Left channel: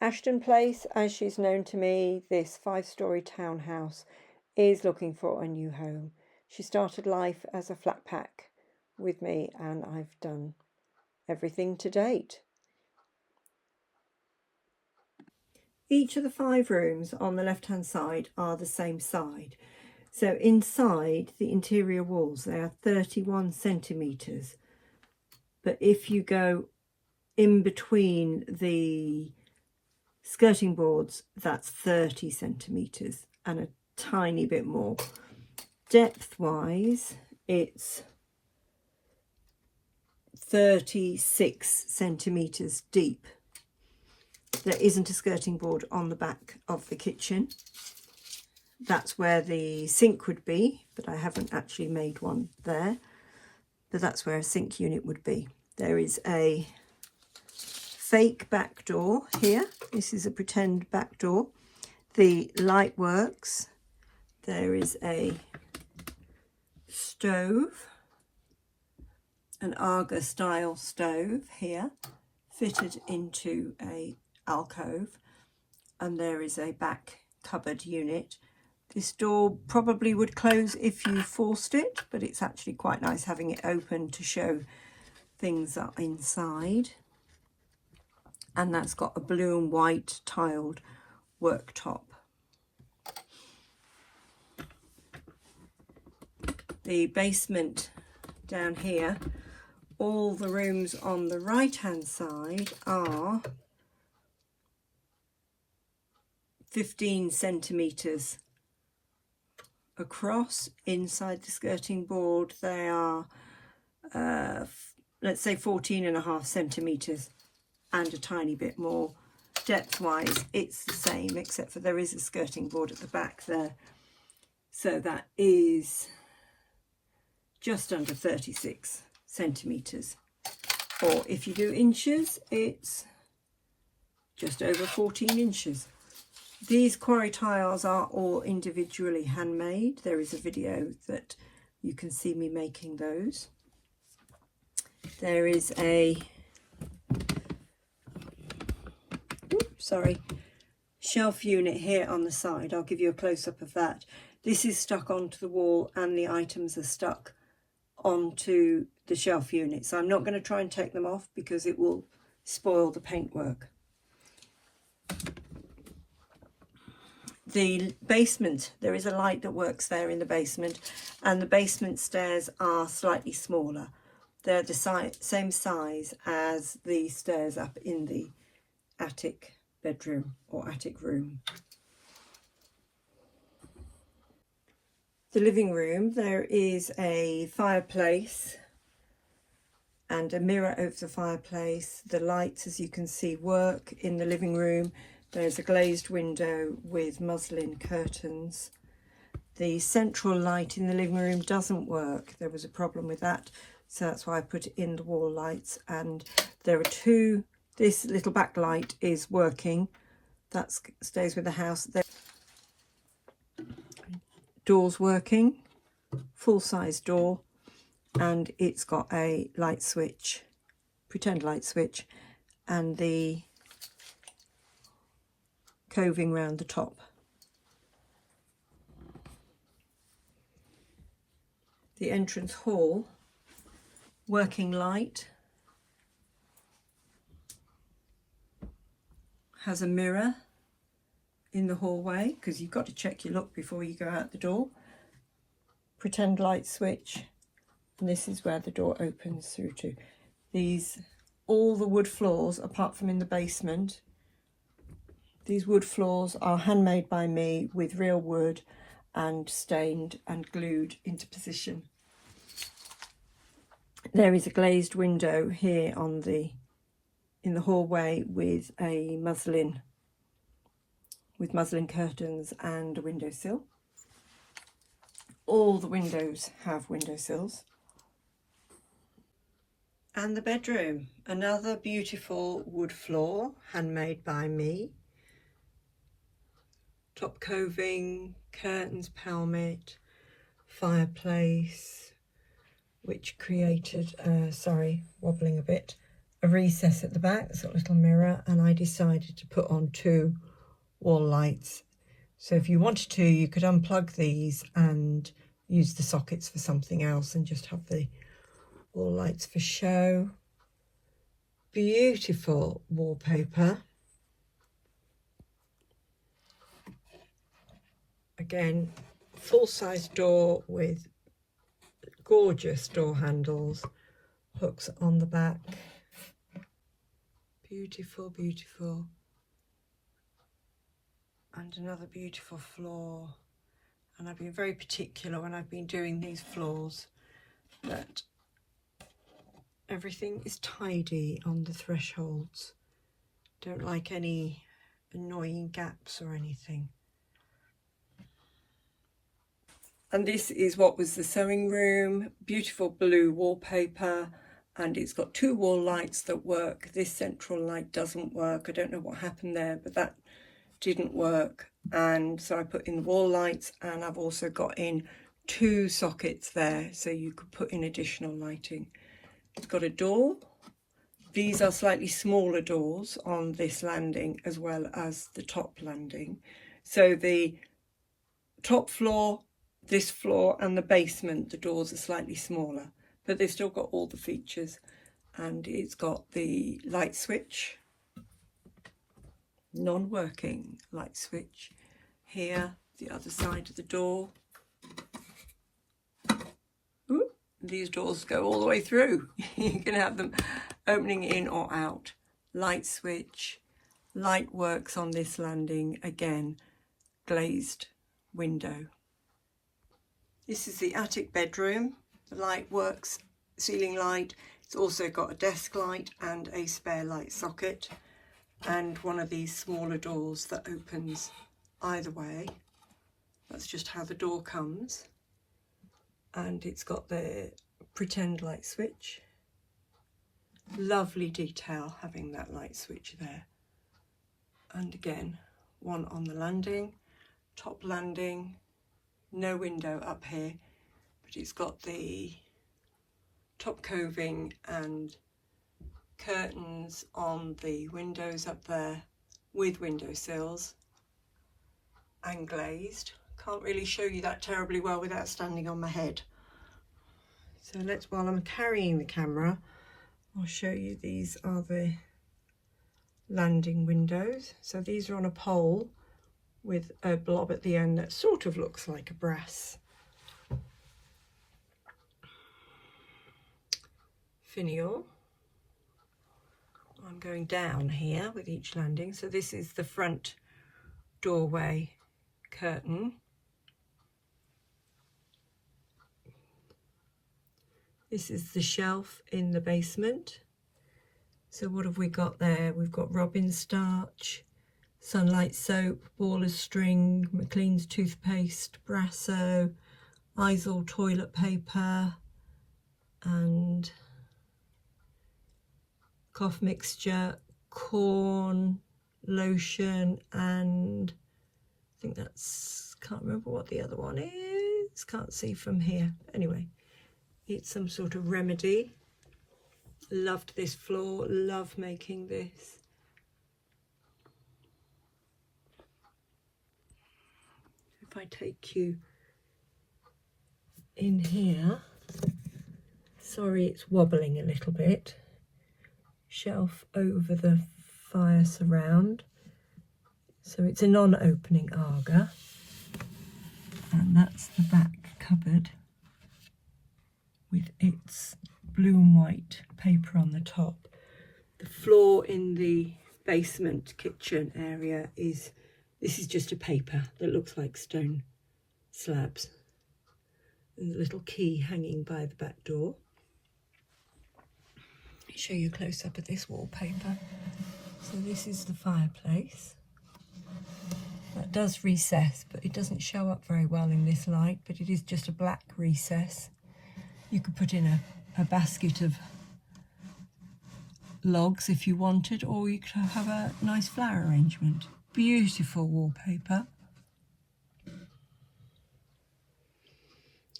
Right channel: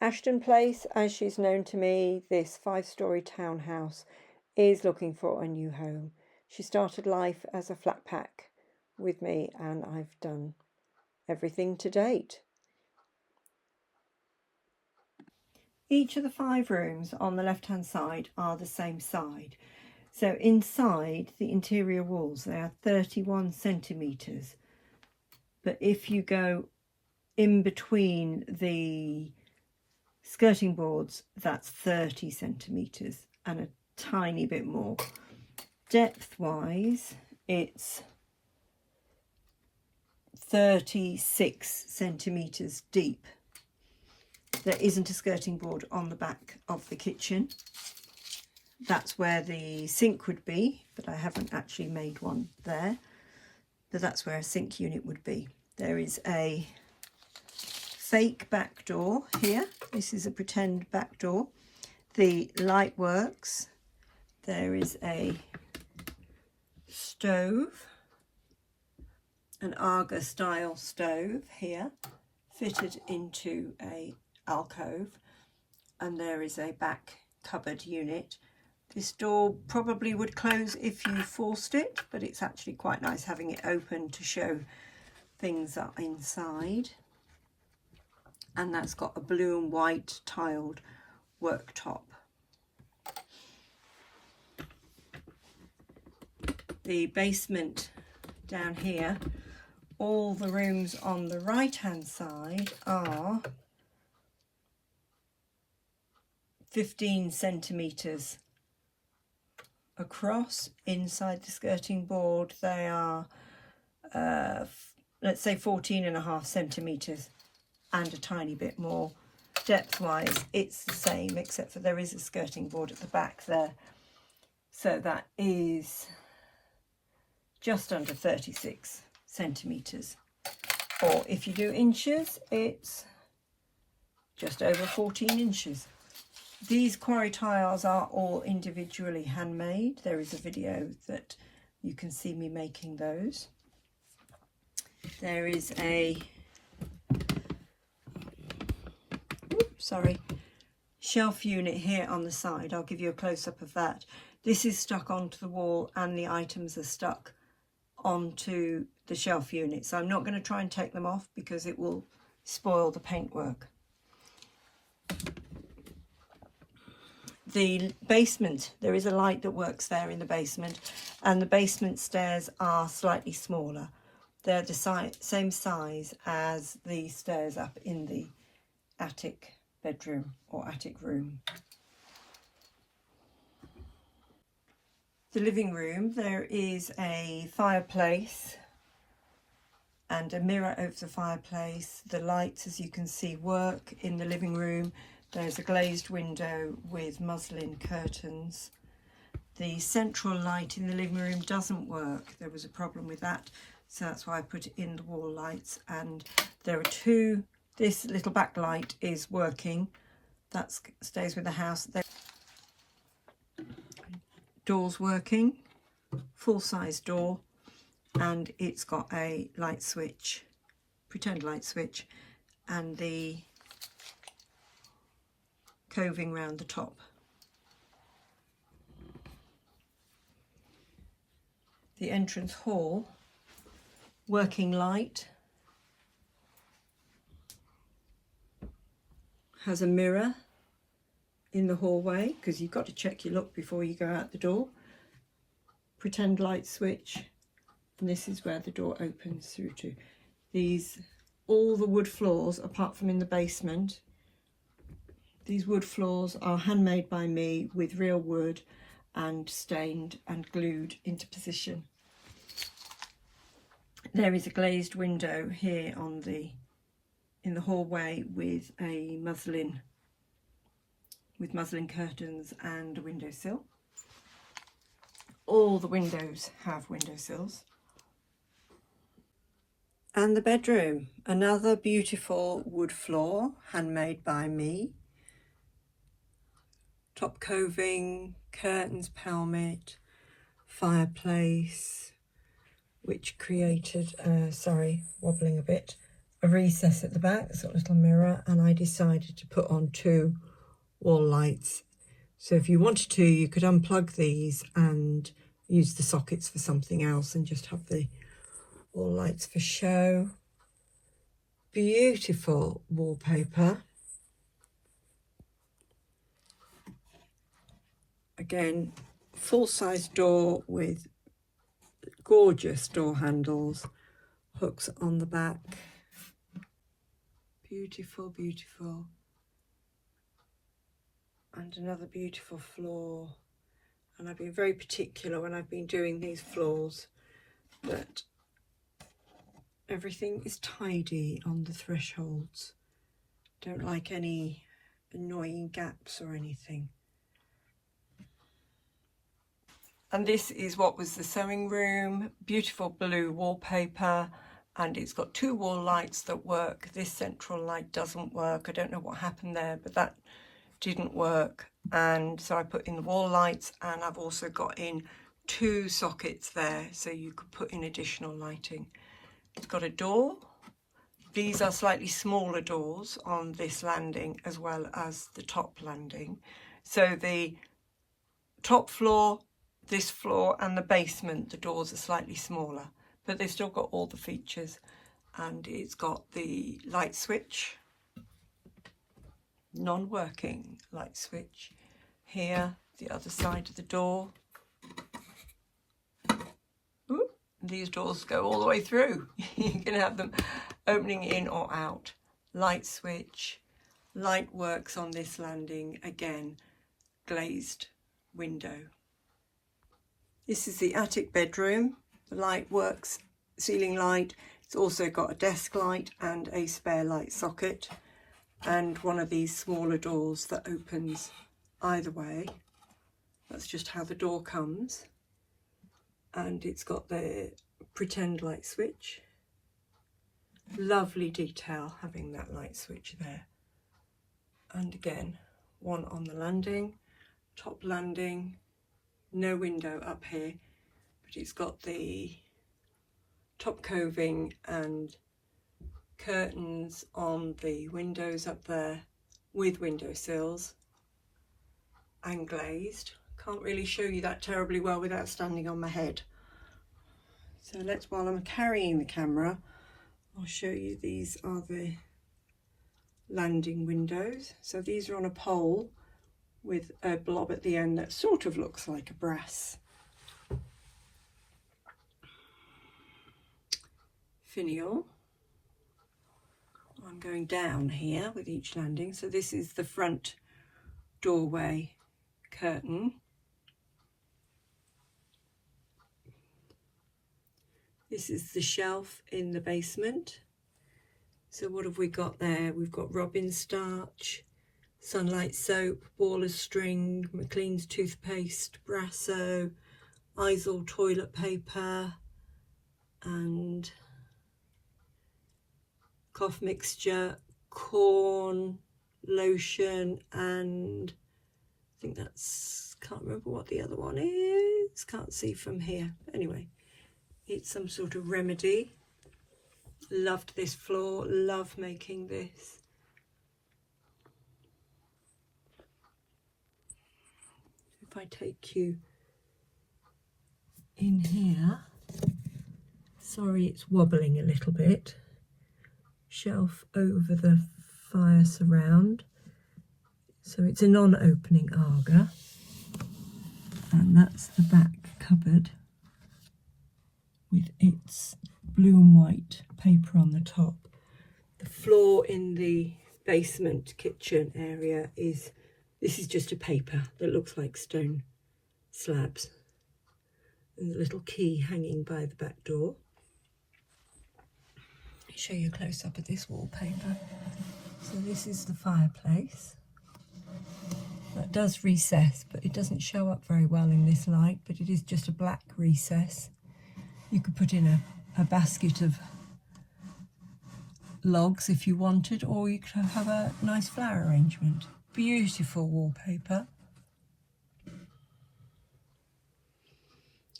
Ashton Place, as she's known to me, this 5-storey townhouse, is looking for a new home. She started life as a flat pack with me, and I've done everything to date. Each of the 5 rooms on the left-hand side are the same side. So inside the interior walls, they are 31 centimetres. But if you go in between the skirting boards, that's 30 centimetres and a tiny bit more. Depth-wise, it's 36 centimetres deep. There isn't a skirting board on the back of the kitchen. That's where the sink would be, but I haven't actually made one there. But that's where a sink unit would be. There is a fake back door here. This is a pretend back door. The light works. There is a stove, an Aga style stove here, fitted into a alcove, and there is a back cupboard unit. This door probably would close if you forced it, but it's actually quite nice having it open to show things that are inside. And that's got a blue and white tiled worktop. The basement down here, all the rooms on the right hand side are 15 centimetres across. Inside the skirting board they are let's say 14.5 centimetres and a tiny bit more. Depth wise it's the same, except for there is a skirting board at the back there, so that is just under 36 centimetres, or if you do inches it's just over 14 inches. These quarry tiles are all individually handmade. There is a video that you can see me making those. There is a shelf unit here on the side. I'll give you a close-up of that. This is stuck onto the wall and the items are stuck onto the shelf unit, so I'm not going to try and take them off because it will spoil the paintwork. The basement, there is a light that works there in the basement, and the basement stairs are slightly smaller. They're the same size as the stairs up in the attic bedroom or attic room. The living room, there is a fireplace and a mirror over the fireplace. The lights, as you can see, work in the living room. There's a glazed window with muslin curtains. The central light in the living room doesn't work. There was a problem with that, so that's why I put it in the wall lights. And there are 2, this little backlight is working. That stays with the house. Door's working, full-size door, and it's got a light switch, pretend light switch, and the coving round the top. The entrance hall, working light, has a mirror in the hallway because you've got to check your look before you go out the door. Pretend light switch, and this is where the door opens through to. All the wood floors, apart from in the basement, these wood floors are handmade by me with real wood and stained and glued into position. There is a glazed window here in the hallway with a muslin curtains and a windowsill. All the windows have windowsills. And the bedroom, another beautiful wood floor, handmade by me. Top coving, curtains, pelmet, fireplace, which created, wobbling a bit, a recess at the back. It's got a little mirror, and I decided to put on 2 wall lights. So if you wanted to, you could unplug these and use the sockets for something else and just have the wall lights for show. Beautiful wallpaper. Again, full-size door with gorgeous door handles, hooks on the back. Beautiful, beautiful. And another beautiful floor. And I've been very particular when I've been doing these floors that everything is tidy on the thresholds. Don't like any annoying gaps or anything. And this is what was the sewing room. Beautiful blue wallpaper, and it's got 2 wall lights that work. This central light doesn't work. I don't know what happened there, but that didn't work. And so I put in the wall lights, and I've also got in 2 sockets there, so you could put in additional lighting. It's got a door. These are slightly smaller doors on this landing as well as the top landing. So the top floor, this floor and the basement, the doors are slightly smaller, but they've still got all the features. And it's got the light switch, non-working light switch here, the other side of the door. Ooh, these doors go all the way through. You can have them opening in or out. Light switch, light works on this landing, again, glazed window. This is the attic bedroom. The light works, ceiling light. It's also got a desk light and a spare light socket, and one of these smaller doors that opens either way. That's just how the door comes. And it's got the pretend light switch. Lovely detail having that light switch there. And again, one on the landing, top landing. No window up here, but it's got the top coving and curtains on the windows up there with windowsills and glazed. Can't really show you that terribly well without standing on my head. So while I'm carrying the camera, I'll show you. These are the landing windows. So these are on a pole with a blob at the end that sort of looks like a brass finial. I'm going down here with each landing. So this is the front doorway curtain. This is the shelf in the basement. So what have we got there? We've got Robin starch, Sunlight soap, ball of string, McLean's toothpaste, Brasso, Isol toilet paper, and cough mixture, corn, lotion, and I think that's, can't remember what the other one is, can't see from here. Anyway, it's some sort of remedy. Loved this floor, love making this. If I take you in here, sorry it's wobbling a little bit, shelf over the fire surround, so it's a non-opening Aga, and that's the back cupboard with its blue and white paper on the top. The floor in the basement kitchen area is, this is just a paper that looks like stone slabs. There's a little key hanging by the back door. Let me show you a close-up of this wallpaper. So this is the fireplace. That does recess, but it doesn't show up very well in this light, but it is just a black recess. You could put in a basket of logs if you wanted, or you could have a nice flower arrangement. Beautiful wallpaper.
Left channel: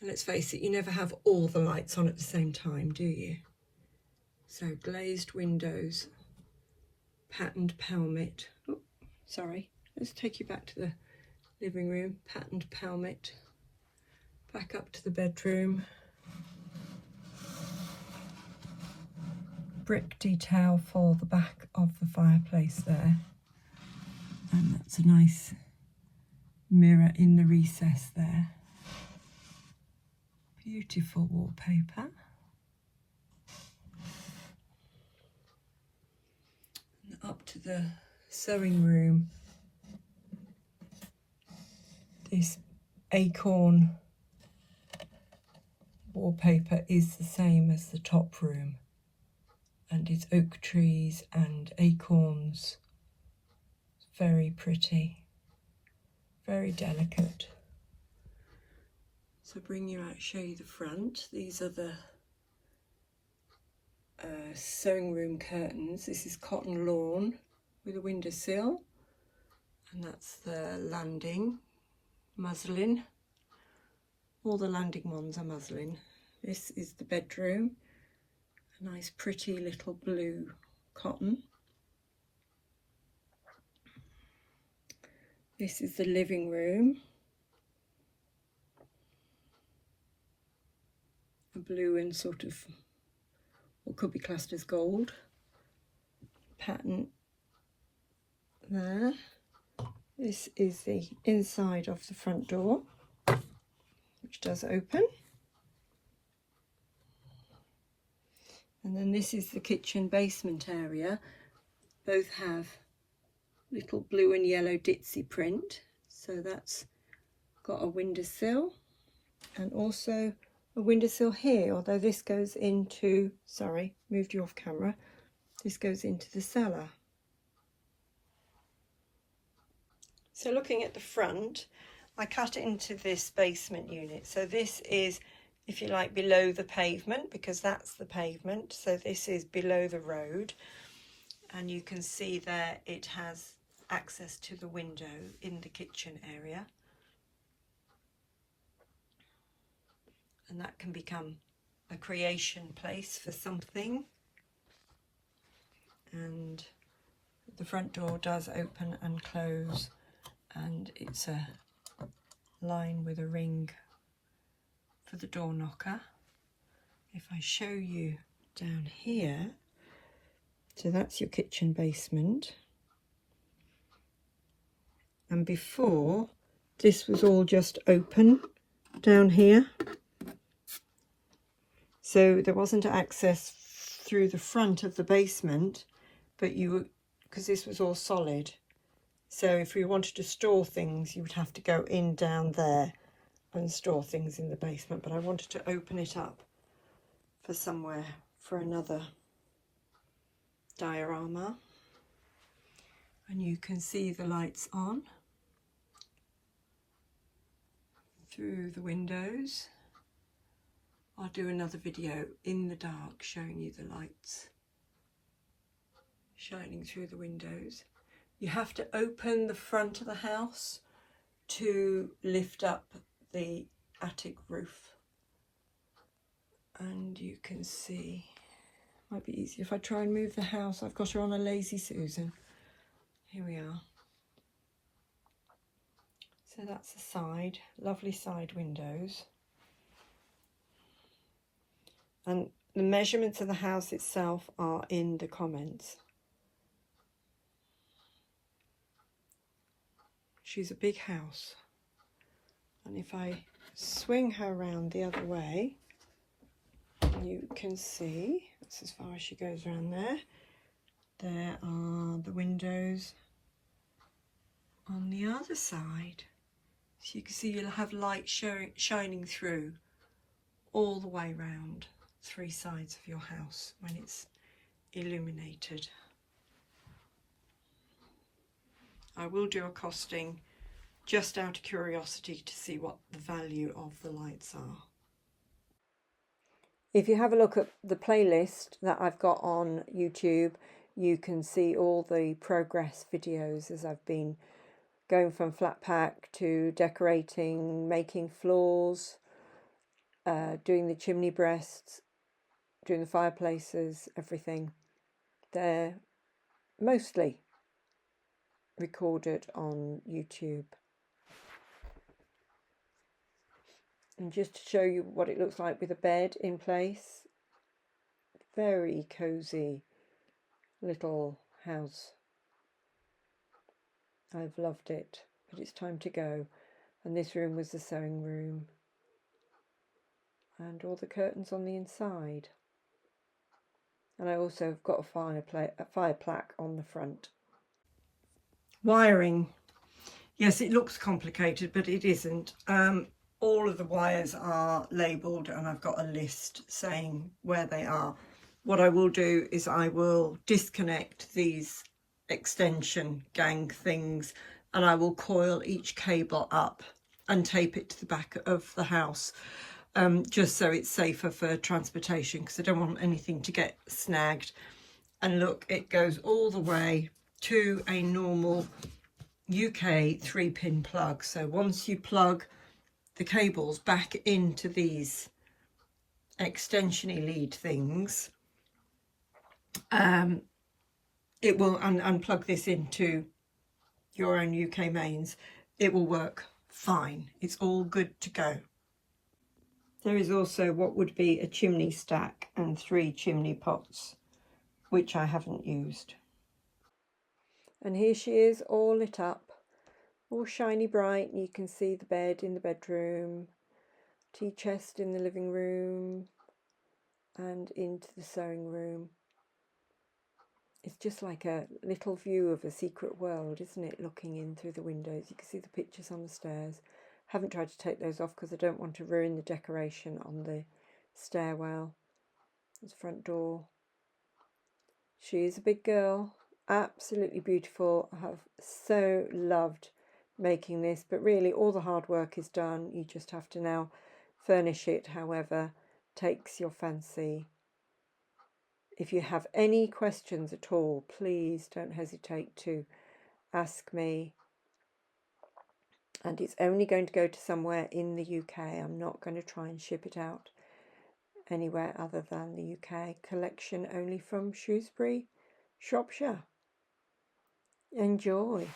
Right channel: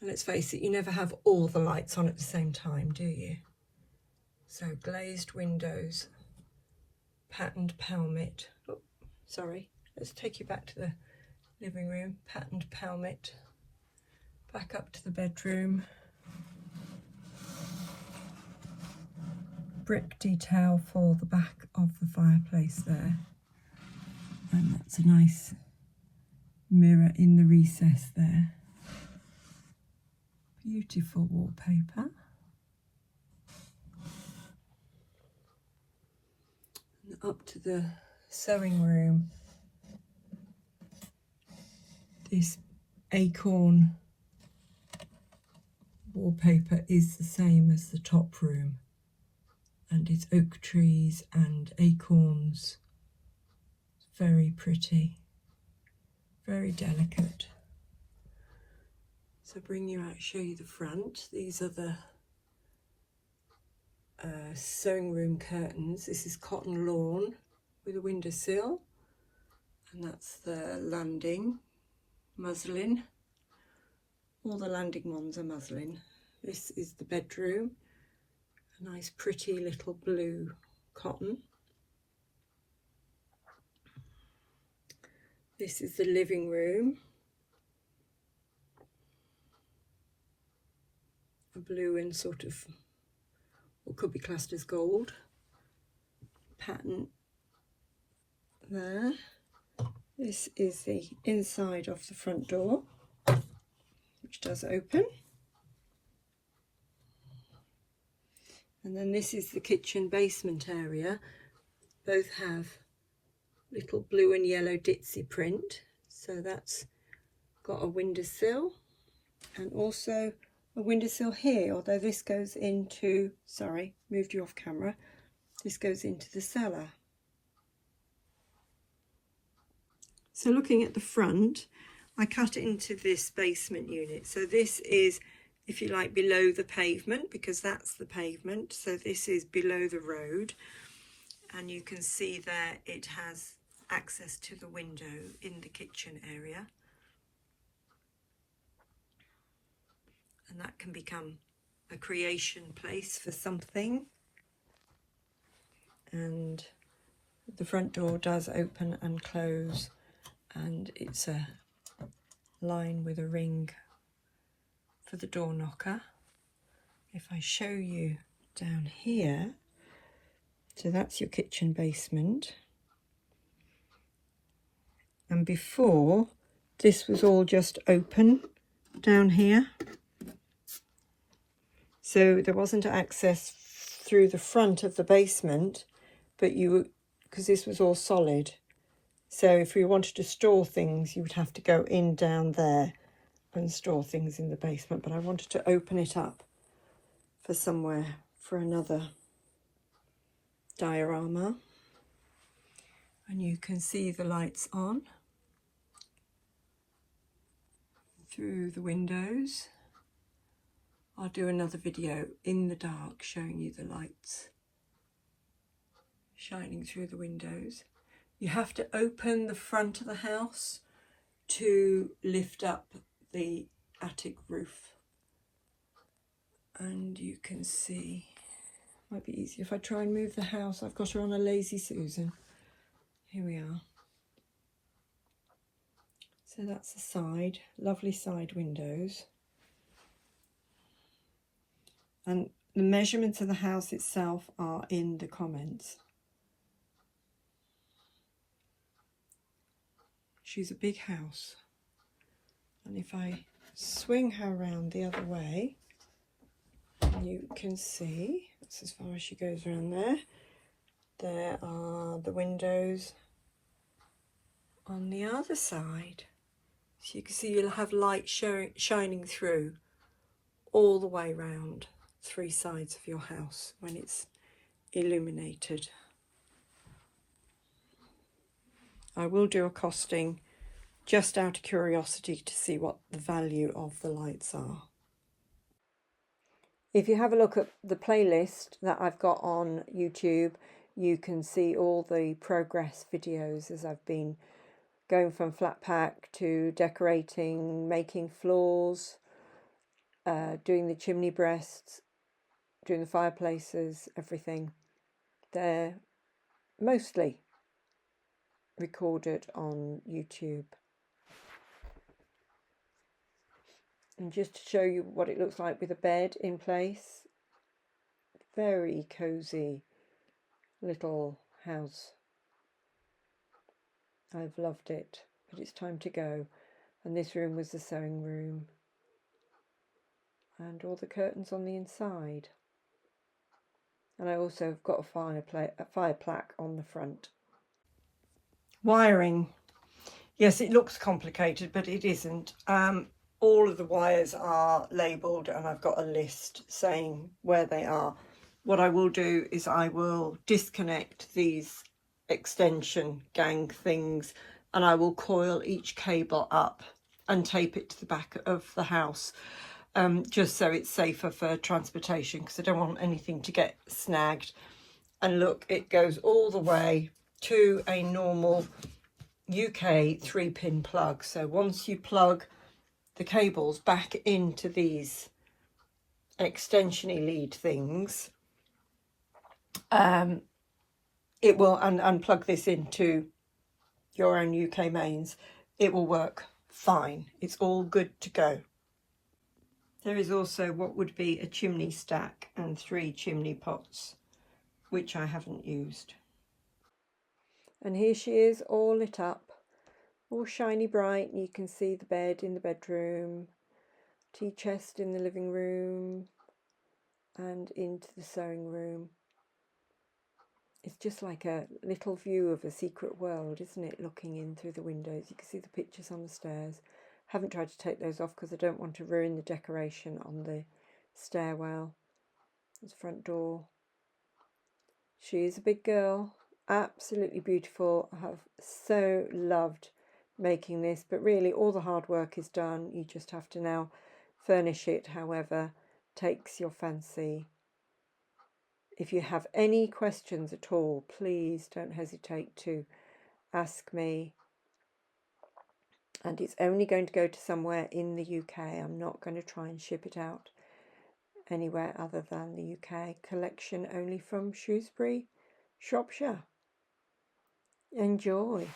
Let's face it, you never have all the lights on at the same time, do you? So glazed windows, patterned palmet. Oh, sorry, let's take you back to the living room. Patterned palmet. Back up to the bedroom. Brick detail for the back of the fireplace there. And that's a nice mirror in the recess there. Beautiful wallpaper. And up to the sewing room. This acorn wallpaper is the same as the top room, and it's oak trees and acorns. It's very pretty, very delicate. So bring you out, show you the front. These are the sewing room curtains. This is cotton lawn with a windowsill, and that's the landing muslin. All the landing ones are muslin. This is the bedroom, a nice pretty little blue cotton. This is the living room, a blue and sort of what could be classed as gold pattern there. This is the inside of the front door, which does open. And then this is the kitchen basement area. Both have little blue and yellow ditzy print. So that's got a windowsill and also a windowsill here, although this goes into, sorry, moved you off camera. This goes into the cellar. So looking at the front, I cut into this basement unit. So this is, if you like, below the pavement, because that's the pavement. So this is below the road. And you can see there it has access to the window in the kitchen area. And that can become a creation place for something. And the front door does open and close, and it's a line with a ring for the door knocker. If I show you down here, so that's your kitchen basement. And before, this was all just open down here. So there wasn't access through the front of the basement, but because this was all solid. So if you wanted to store things, you would have to go in down there and store things in the basement. But I wanted to open it up for somewhere, for another diorama. And you can see the lights on through the windows. I'll do another video in the dark showing you the lights shining through the windows. You have to open the front of the house to lift up the attic roof. And you can see, might be easier if I try and move the house. I've got her on a Lazy Susan. Here we are. So that's the side, lovely side windows. And the measurements of the house itself are in the comments. She's a big house. And if I swing her around the other way, you can see, that's as far as she goes around there. There are the windows on the other side. So you can see you'll have light shining through all the way round 3 sides of your house when it's illuminated. I will do a costing just out of curiosity to see what the value of the lights are. If you have a look at the playlist that I've got on YouTube, you can see all the progress videos as I've been going from flat pack to decorating, making floors, doing the chimney breasts, doing the fireplaces, everything. They're mostly recorded on YouTube. And just to show you what it looks like with a bed in place, very cosy little house. I've loved it, but it's time to go. And this room was the sewing room. And all the curtains on the inside. And I also have got a fire plaque on the front. Wiring. Yes, it looks complicated, but it isn't. All of the wires are labelled and I've got a list saying where they are. What I will do is I will disconnect these extension gang things and I will coil each cable up and tape it to the back of the house, just so it's safer for transportation, because I don't want anything to get snagged. And look, it goes all the way to a normal UK 3-pin plug. So once you plug the cables back into these extension-y lead things, it will, and plug this into your own UK mains, it will work fine. It's all good to go. There is also what would be a chimney stack and 3 chimney pots, which I haven't used. And here she is, all lit up, all shiny bright. You can see the bed in the bedroom, tea chest in the living room, and into the sewing room. It's just like a little view of a secret world, isn't it, looking in through the windows. You can see the pictures on the stairs. Haven't tried to take those off because I don't want to ruin the decoration on the stairwell. There's the front door. She is a big girl, absolutely beautiful. I have so loved making this, but really all the hard work is done. You just have to now furnish it however takes your fancy. If you have any questions at all, please don't hesitate to ask me. And it's only going to go to somewhere in the UK. I'm not going to try and ship it out anywhere other than the UK. Collection only from Shrewsbury, Shropshire. Enjoy.